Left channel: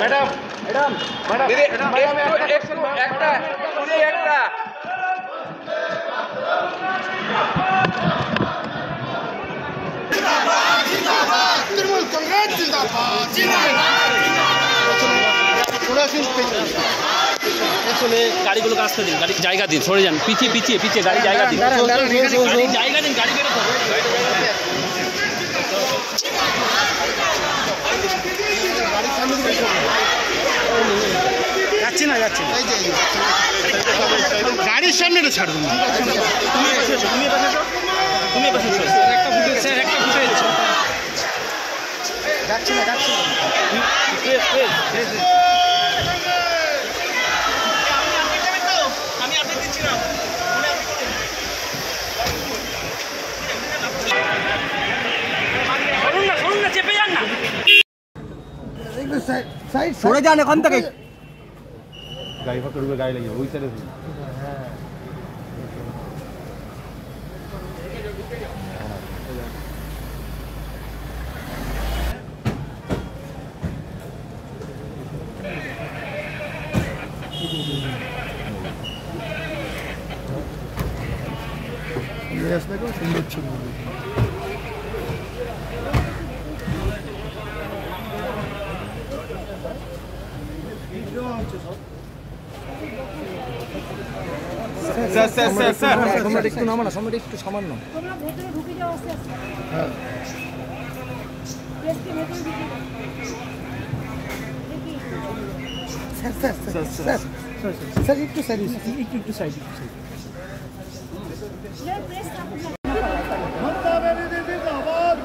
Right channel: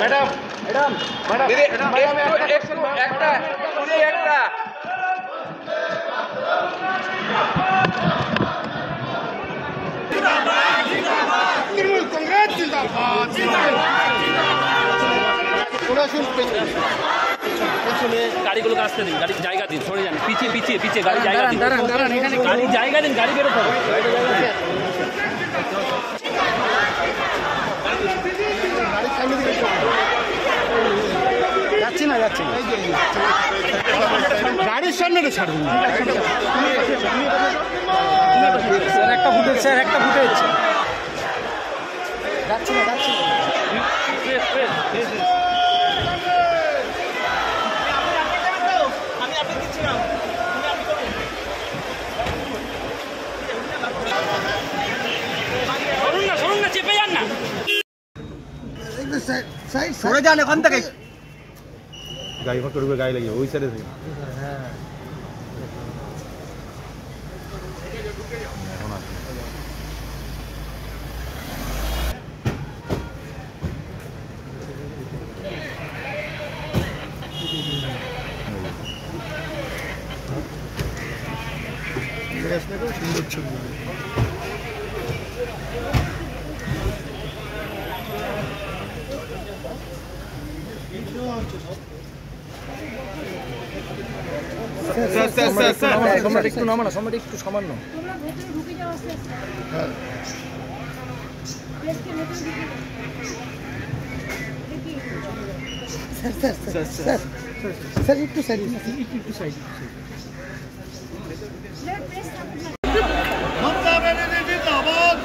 Madam madam Trinamool Congress जिंदाबाद গাড়িগুলো আসতে দিন, গাড়ি জায়গা দিন, সরে যান, পিছিয়ে পিছিয়ে পিছিয়ে গাড়ি জায়গা দিন, গাড়ি জায়গা দিন, গাড়ি বেরোতে হবে। যাচ্ছি না গাড়ির সামনে ছাড় দিন। একটা ফুটেজ স্যার, একটা ফুটেজ যাচ্ছি না চেপে যান না, সরে যান এখান থেকে। গাড়ি ফাঁকা ঢুকে গাড়ি লাগে ওই সাইডে সুন্দর ছবি সম্রাট একটু নামানো, সম্রাট একটু সামান্য। তোমরা ভেতরে ঢুকে যাও আস্তে আস্তে। হ্যাঁ প্রেসকে ভেতরে ঢুকে দেখি স্যার একটু সাইড প্রেস সাপোর্ট লাগে।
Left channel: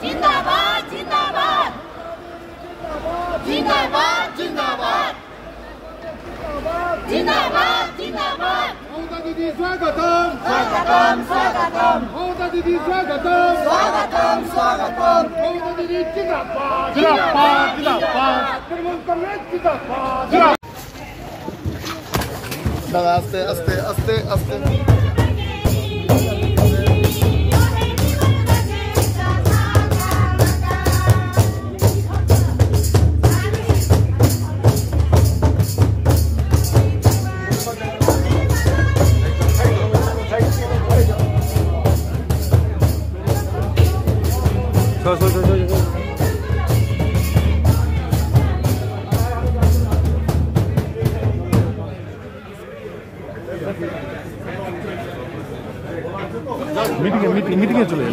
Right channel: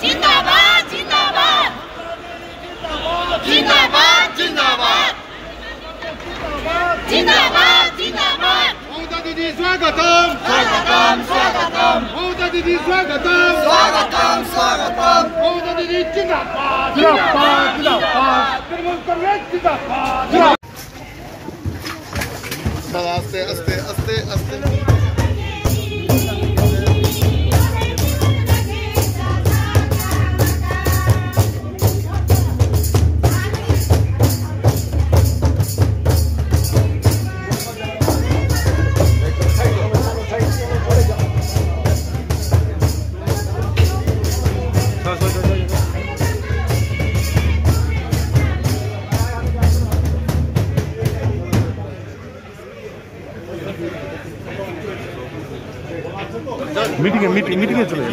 जिंदाबाद जिंदाबाद जिंदाबाद जिंदाबाद जिंदाबाद जिंदाबाद ममता दीदी स्वागतम स्वागतम स्वागतम ममता दीदी स्वागतम स्वागतम स्वागतम ममता दीदी जिंदाबाद तृणमूल कांग्रेस जिंदाबाद। आस्ते आस्ते आस्ते आस्ते মিটিংয়ে চলে